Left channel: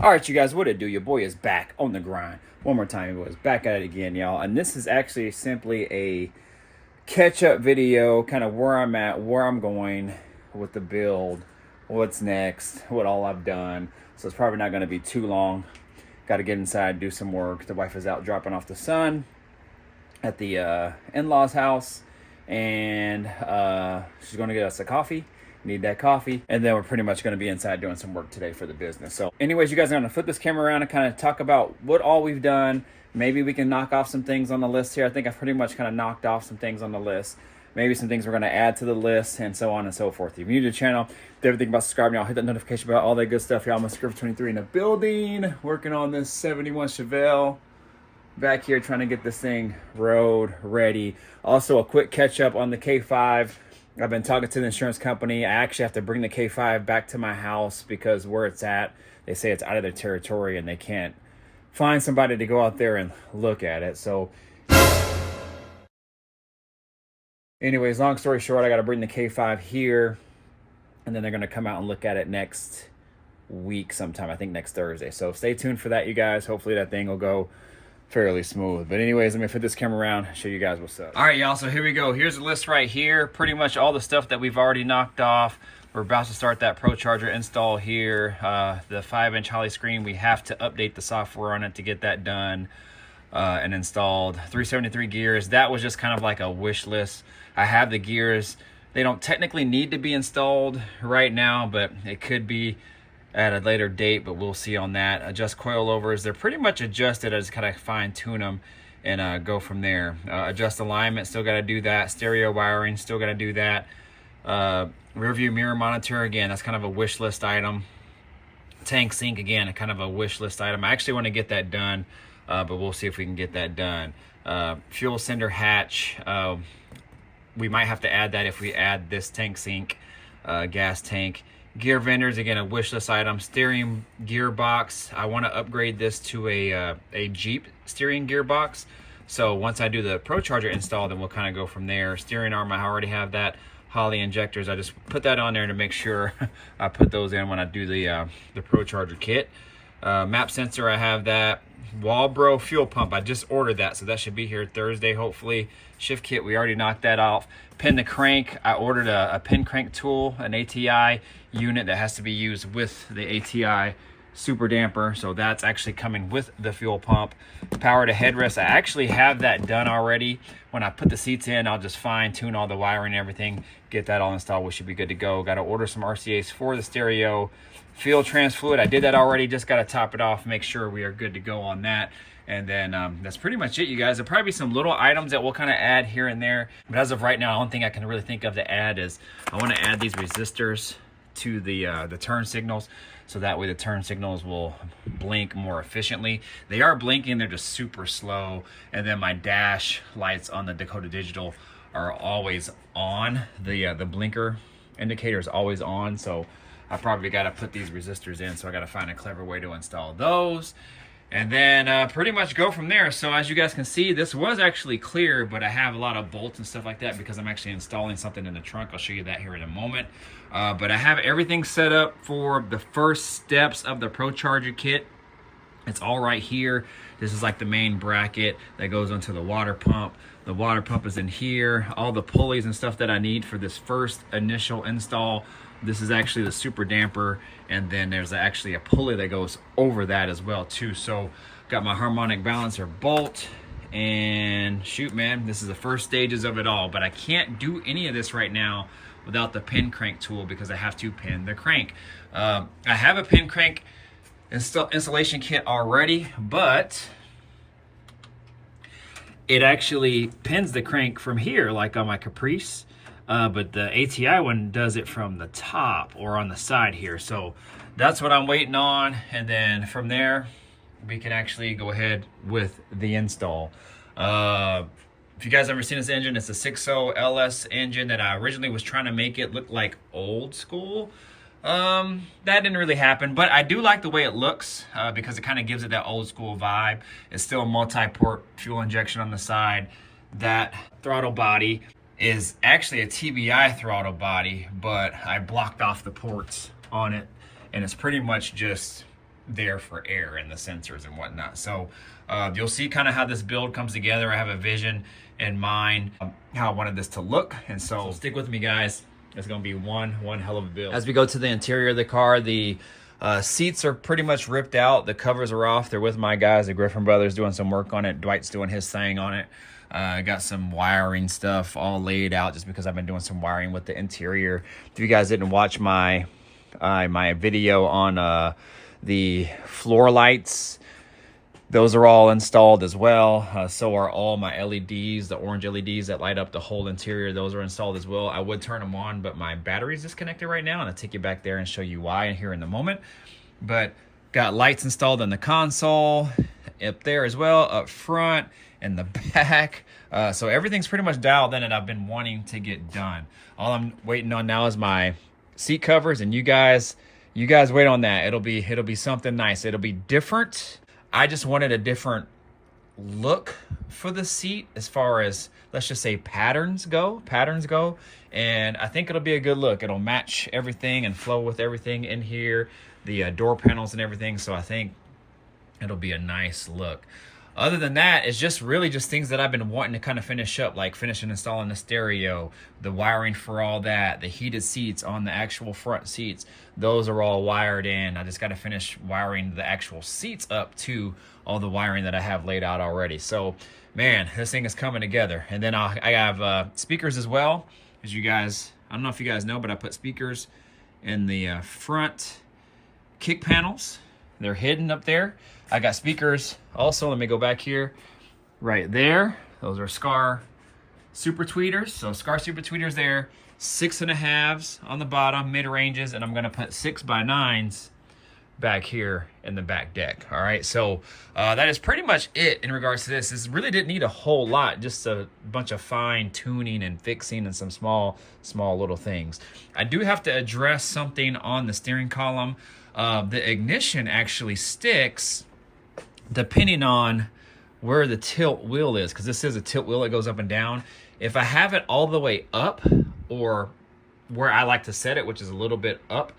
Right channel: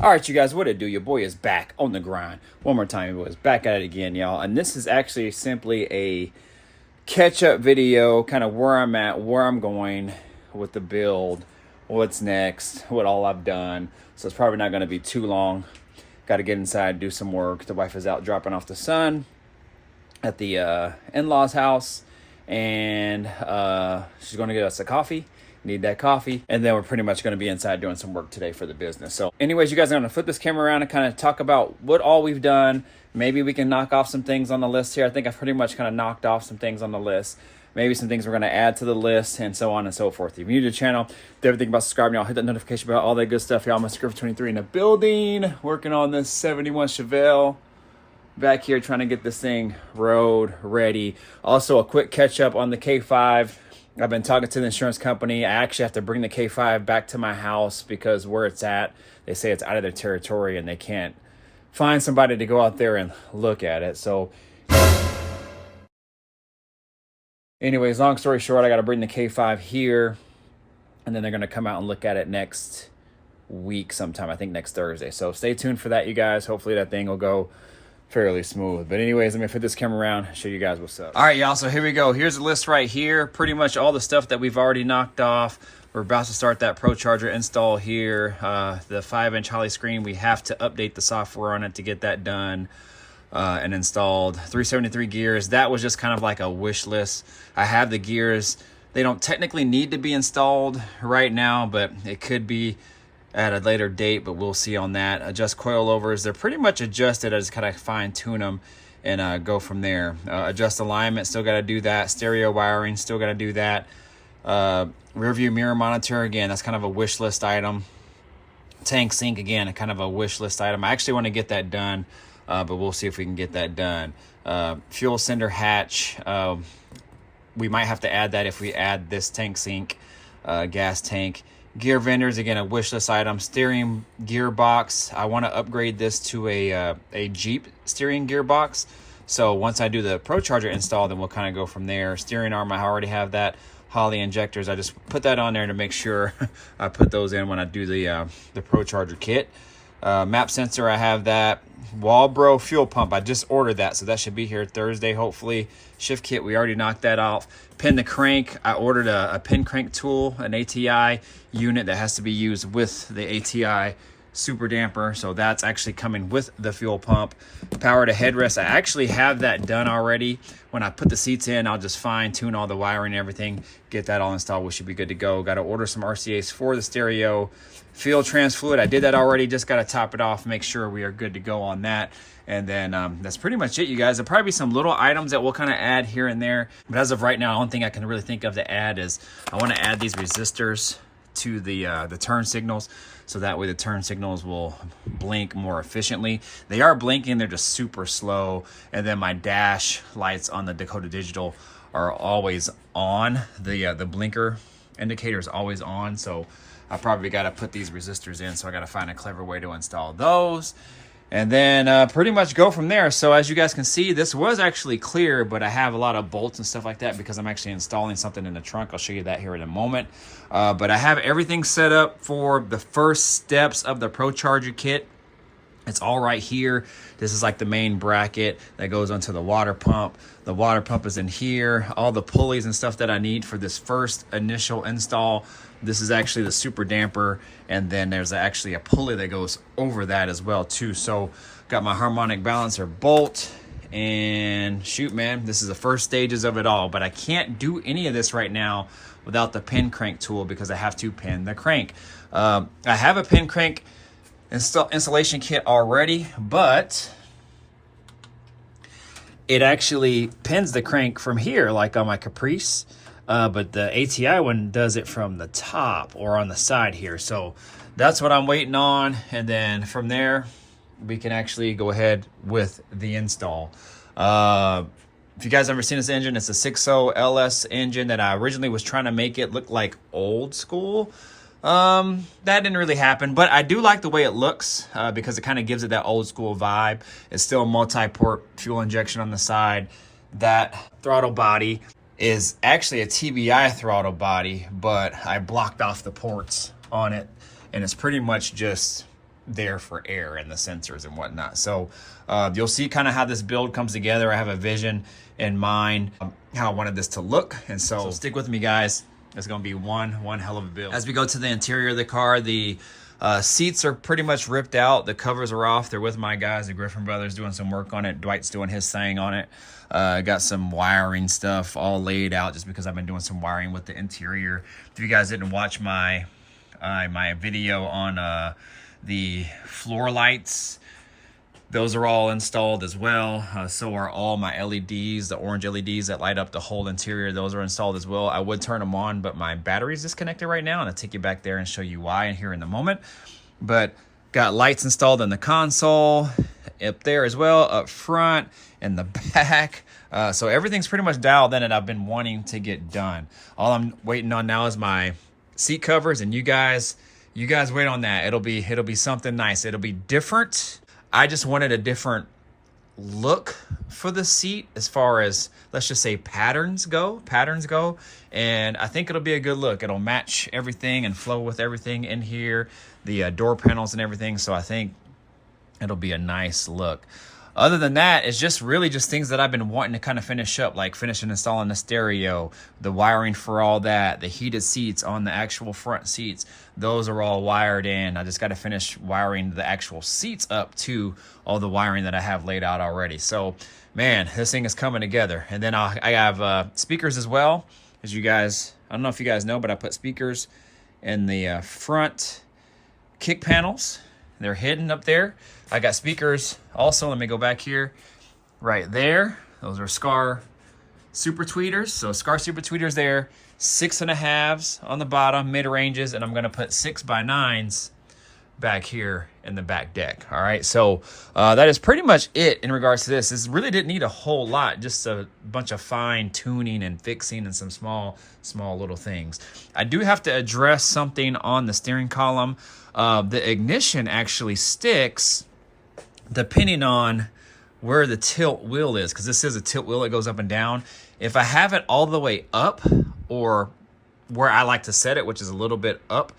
All right, you guys, what it do? Your boy is back on the grind. One more time, boys, back at it again, y'all. And this is actually simply a catch-up video, kind of where I'm at, where I'm going with the build, what's next, what all I've done. So it's probably not going to be too long. Got to get inside, do some work. The wife is out dropping off the son at the in-laws' house, and she's going to get us a coffee. Need that coffee, and then we're pretty much going to be inside doing some work today for the business. So anyways, you guys are going to flip this camera around and kind of talk about what all we've done. Maybe we can knock off some things on the list here. I think I've pretty much kind of knocked off some things on the list. Maybe some things we're going to add to the list, and so on and so forth. If you're new to the channel, do everything about subscribing, y'all. Hit that notification bell, all that good stuff, y'all. I'm a Script 23 in the building, working on this 71 Chevelle. Back here trying to get this thing road ready. Also, a quick catch up on the K5. I've been talking to the insurance company. I actually have to bring the K5 back to my house because where it's at, they say it's out of their territory and they can't find somebody to go out there and look at it. So anyways, long story short, I got to bring the K5 here, and then they're going to come out and look at it next week sometime, I think next Thursday. So stay tuned for that, you guys. Hopefully that thing will go fairly smooth. But anyways, let me flip this camera around, show you guys what's up. All right, y'all, so here we go. Here's the list right here. Pretty much all the stuff that we've already knocked off. We're about to start that Pro Charger install here. The 5-inch Holly screen, we have to update the software on it to get that done and installed. 373 gears, that was just kind of like a wish list. I have the gears. They don't technically need to be installed right now, but it could be at a later date, but we'll see on that. Adjust coilovers, they're pretty much adjusted. I just kind of fine tune them and go from there. Adjust alignment, still got to do that. Stereo wiring, still got to do that. Rear view mirror monitor, again, that's kind of a wish list item. Tank sink, again, kind of a wish list item. I actually want to get that done, but we'll see if we can get that done. Fuel sender hatch, we might have to add that if we add this tank sink, gas tank. Gear vendors, again, a wish list item. Steering gearbox, I want to upgrade this to a Jeep steering gearbox. So once I do the Pro Charger install, then we'll kind of go from there. Steering arm, I already have that. Holly injectors, I just put that on there to make sure I put those in when I do the Pro Charger kit. Map sensor, I have that. Walbro fuel pump, I just ordered that, so that should be here Thursday, hopefully. Shift kit, we already knocked that off. Pin the crank, I ordered a pin crank tool, an ATI unit that has to be used with the ATI super damper, so that's actually coming with the fuel pump. Power to headrest, I actually have that done already. When I put the seats in, I'll just fine tune all the wiring and everything, get that all installed. We should be good to go. Got to order some RCAs for the stereo. Fuel trans fluid, I did that already, just got to top it off, make sure we are good to go on that. And then that's pretty much it, you guys. There'll probably be some little items that we'll kind of add here and there, but as of right now, the only thing I can really think of to add is I want to add these resistors to the turn signals, so that way the turn signals will blink more efficiently. They are blinking, they're just super slow. And then my dash lights on the Dakota Digital are always on. The blinker indicator is always on, so I probably got to put these resistors in, so I got to find a clever way to install those. And then pretty much go from there. So as you guys can see, this was actually clear, but I have a lot of bolts and stuff like that because I'm actually installing something in the trunk. I'll show you that here in a moment. But I have everything set up for the first steps of the Pro Charger kit. It's all right here. This is like the main bracket that goes onto the water pump. The water pump is in here. All the pulleys and stuff that I need for this first initial install. This is actually the super damper, and then there's actually a pulley that goes over that as well too. So got my harmonic balancer bolt, and shoot, man, this is the first stages of it all. But I can't do any of this right now without the pin crank tool because I have to pin the crank. I have a pin crank installation kit already, but it actually pins the crank from here, like on my Caprice. But the ATI one does it from the top or on the side here. So that's what I'm waiting on. And then from there, we can actually go ahead with the install. If you guys ever seen this engine, it's a 6.0 LS engine that I originally was trying to make it look like old school. That didn't really happen, but I do like the way it looks because it kind of gives it that old school vibe. It's still multi-port fuel injection on the side. That throttle body is actually a TBI throttle body, but I blocked off the ports on it, and it's pretty much just there for air and the sensors and whatnot. So you'll see kind of how this build comes together. I have a vision in mind, how I wanted this to look. And so stick with me, guys. It's going to be one hell of a build. As we go to the interior of the car, the seats are pretty much ripped out. The covers are off. They're with my guys, the Griffin brothers, doing some work on it. Dwight's doing his thing on it. Got some wiring stuff all laid out just because I've been doing some wiring with the interior. If you guys didn't watch my my video on the floor lights, those are all installed as well. So are all my LEDs, the orange LEDs that light up the whole interior. Those are installed as well. I would turn them on, but my battery's disconnected right now, and I'll take you back there and show you why here in a moment. But got lights installed in the console, up there as well, up front, in the back. So everything's pretty much dialed in, and I've been wanting to get done. All I'm waiting on now is my seat covers, and you guys wait on that. It'll be something nice. It'll be different. I just wanted a different look for the seat as far as, let's just say, patterns go. And I think it'll be a good look. It'll match everything and flow with everything in here, the door panels and everything. So I think it'll be a nice look. Other than that, it's just really just things that I've been wanting to kind of finish up, like finishing installing the stereo, the wiring for all that, the heated seats on the actual front seats. Those are all wired in. I just got to finish wiring the actual seats up to all the wiring that I have laid out already. So, man, this thing is coming together. And then I have speakers as well. As you guys, I don't know if you guys know, but I put speakers in the front kick panels. They're hidden up there. I got speakers also. Let me go back here. Right there. Those are Scar Super Tweeters. So Scar Super Tweeters there. 6.5s on the bottom, mid-ranges. And I'm going to put 6x9s back here in the back deck. All right. So that is pretty much it in regards to this. This really didn't need a whole lot. Just a bunch of fine tuning and fixing and some small little things. I do have to address something on the steering column. The ignition actually sticks depending on where the tilt wheel is, because this is a tilt wheel that goes up and down. If I have it all the way up, or where I like to set it, which is a little bit up,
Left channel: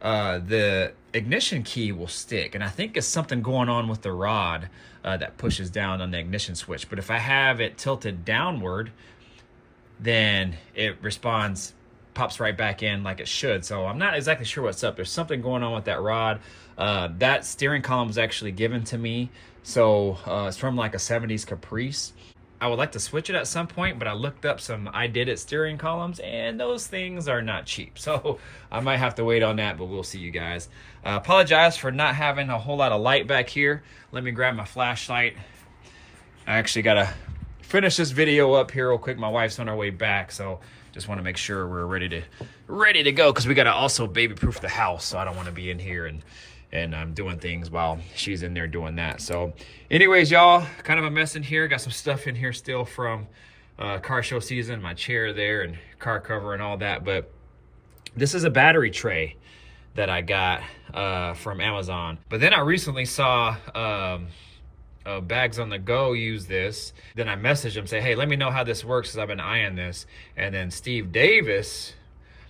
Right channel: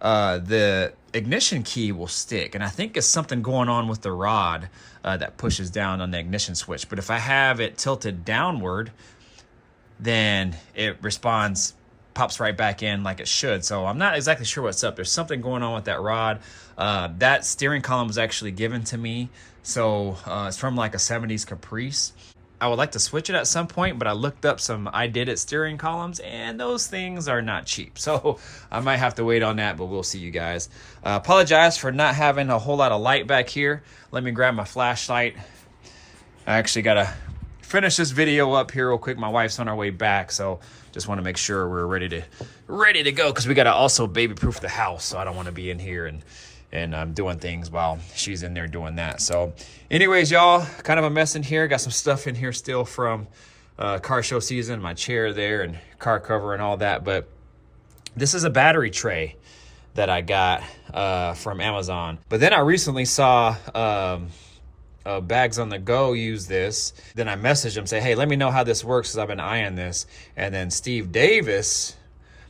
the ignition key will stick. And I think it's something going on with the rod that pushes down on the ignition switch. But if I have it tilted downward, then it pops right back in like it should. So I'm not exactly sure what's up. There's something going on with that rod. That steering column was actually given to me. So it's from like a 70s Caprice. I would like to switch it at some point, but I looked up some I Did It steering columns, and those things are not cheap. So I might have to wait on that, but we'll see, you guys. Apologize for not having a whole lot of light back here. Let me grab my flashlight. I actually got to finish this video up here real quick. My wife's on our way back, so just want to make sure we're ready to go, because we got to also baby-proof the house. So I don't want to be in here and I'm doing things while she's in there doing that. So anyways, y'all, kind of a mess in here. Got some stuff in here still from car show season, my chair there and car cover and all that. But this is a battery tray that I got from Amazon. But then I recently saw Bags on the Go use this. Then I messaged him, say, hey, let me know how this works, because I've been eyeing this. And then Steve Davis,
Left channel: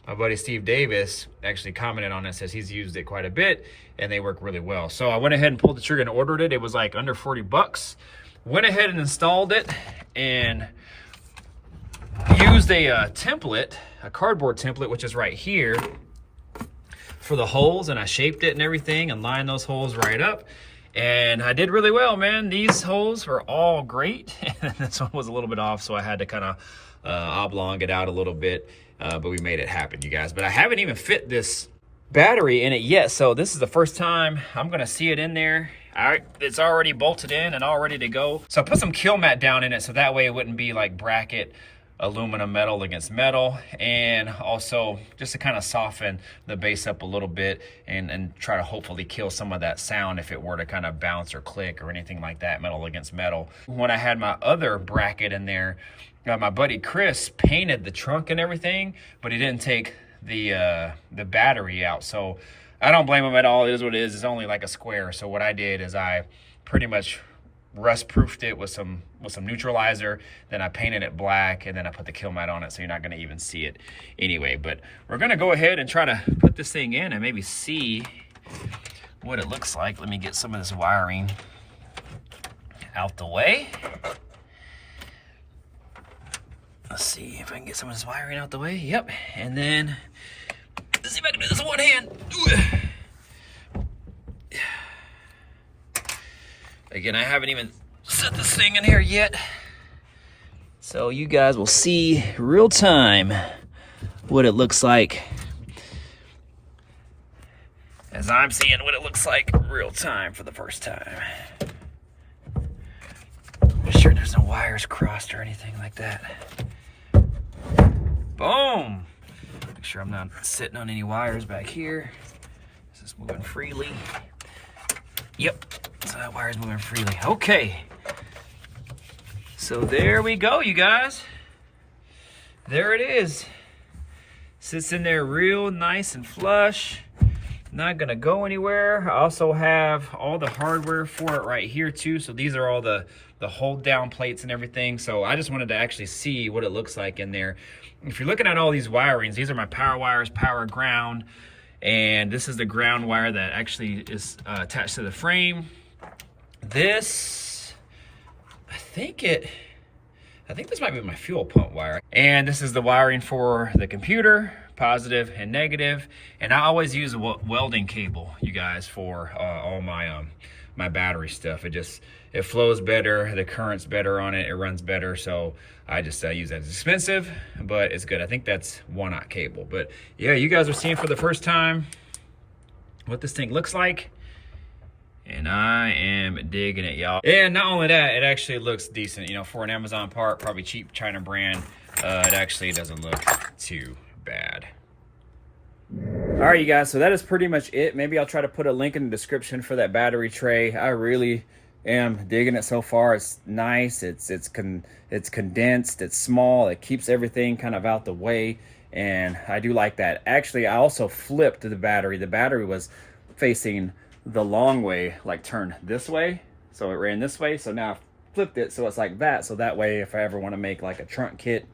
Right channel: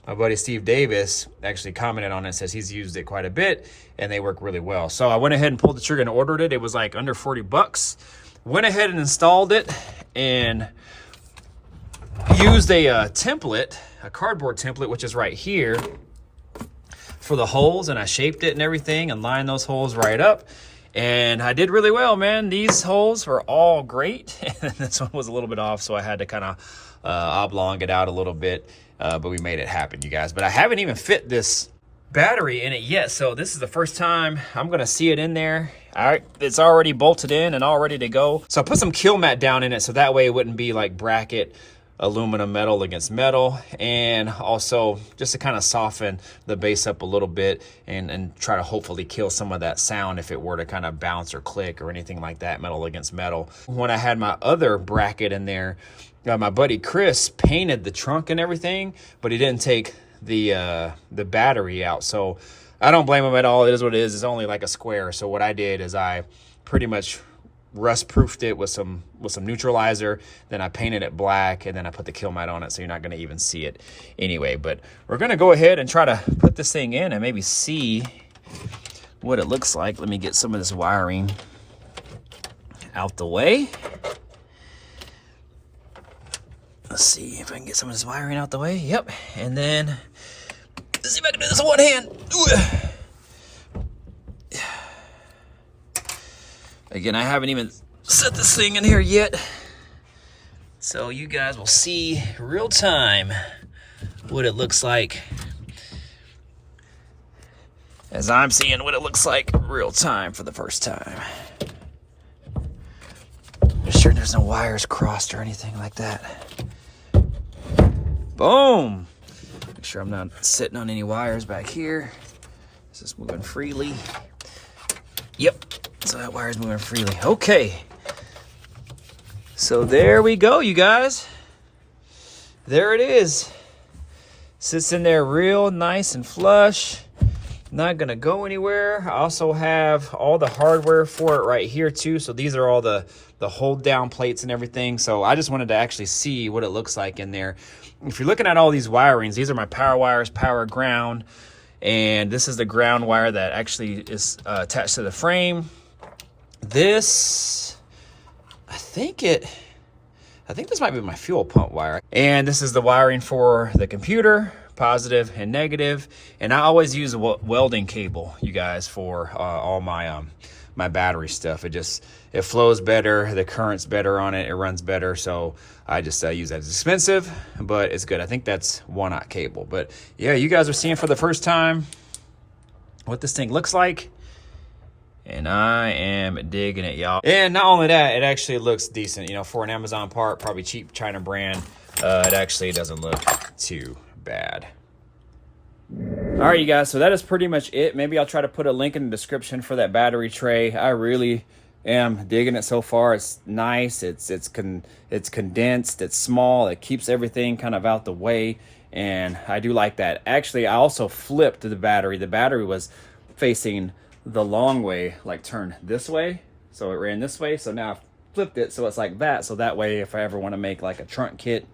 my buddy Steve Davis, actually commented on it, says he's used it quite a bit and they work really well. So I went ahead and pulled the trigger and ordered it. It was like under 40 bucks. Went ahead and installed it and used a template, a cardboard template, which is right here, for the holes. And I shaped it and everything and lined those holes right up. And I did really well, man. These holes were all great. And this one was a little bit off, so I had to kind of oblong it out a little bit. But we made it happen, you guys. But I haven't even fit this battery in it yet. So this is the first time I'm going to see it in there. All right, it's already bolted in and all ready to go. So I put some kill mat down in it, so that way it wouldn't be like bracket aluminum metal against metal, and also just to kind of soften the base up a little bit and try to hopefully kill some of that sound if it were to kind of bounce or click or anything like that, metal against metal. When I had my other bracket in there, my buddy Chris painted the trunk and everything, but he didn't take the battery out. So I don't blame him at all. It is what it is. It's only like a square. So what I did is I pretty much rust proofed it with some neutralizer, then I painted it black, and then I put the kill mat on it, so you're not going to even see it anyway. But we're going to go ahead and try to put this thing in and maybe see what it looks like. Let me get some of this wiring out the way. Let's see if I can get some of this wiring out the way. Yep. And then let's see if I can do this with one hand. Again, I haven't even set this thing in here yet. So you guys will see real time what it looks like, as I'm seeing what it looks like real time for the first time. Make sure there's no wires crossed or anything like that. Boom! Make sure I'm not sitting on any wires back here. This is moving freely. Yep, so that wire's moving freely. Okay. So there we go, you guys. There it is. Sits in there real nice and flush. Not gonna go anywhere. I also have all the hardware for it right here too. So these are all the hold down plates and everything. So I just wanted to actually see what it looks like in there. If you're looking at all these wirings, these are my power wires, power ground. And this is the ground wire that actually is attached to the frame. This, I think this might be my fuel pump wire. And this is the wiring for the computer, positive and negative. And I always use a welding cable, you guys, for all my my battery stuff. It flows better, the current's better on it, it runs better. So I just use that. It's expensive, but it's good. I think that's 1/aught cable. But yeah, you guys are seeing for the first time what this thing looks like. And I am digging it, y'all. And not only that, it actually looks decent. You know, for an Amazon part, probably cheap China brand, it actually doesn't look too bad. All right, you guys, so that is pretty much it. Maybe I'll try to put a link in the description for that battery tray. I really am digging it so far. It's nice, it's condensed, it's small, it keeps everything kind of out the way, and I do like that. Actually, I also flipped the battery. The battery was facing the long way, like turned this way, so it ran this way. So now I flipped it so it's like that, so that way if I ever want to make like a trunk kit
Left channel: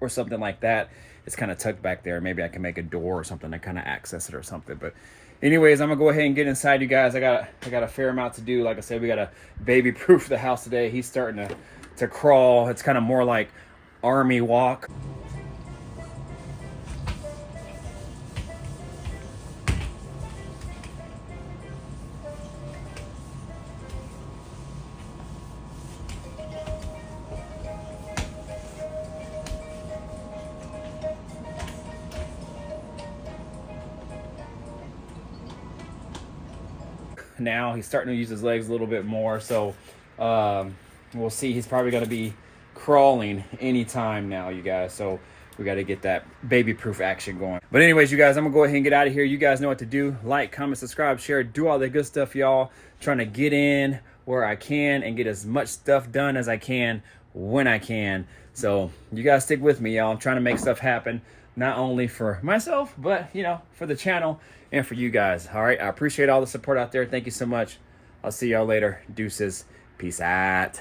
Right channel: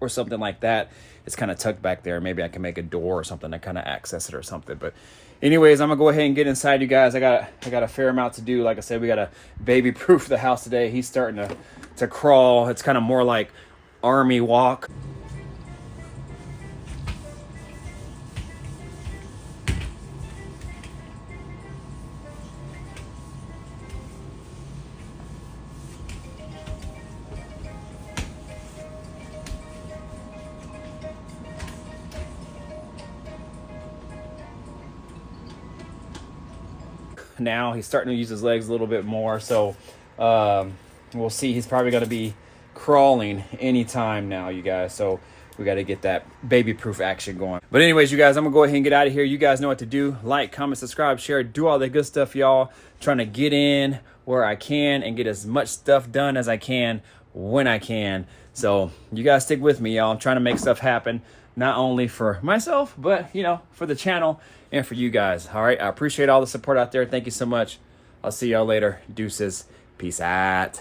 or something like that, it's kind of tucked back there. Maybe I can make a door or something to kind of access it or something. But anyways, I'm gonna go ahead and get inside, you guys. I got a fair amount to do. Like I said, we got to baby proof the house today. He's starting to crawl. It's kind of more like army walk. Now he's starting to use his legs a little bit more, so we'll see. He's probably going to be crawling anytime now, you guys, so we got to get that baby proof action going. But anyways, you guys, I'm gonna go ahead and get out of here. You guys know what to do. Like, comment, subscribe, share, do all the good stuff, y'all. Trying to get in where I can and get as much stuff done as I can when I can. So you guys stick with me, y'all. I'm trying to make stuff happen, not only for myself, but you know, for the channel and for you guys. All right, I appreciate all the support out there. Thank you so much. I'll see y'all later. Deuces. Peace out.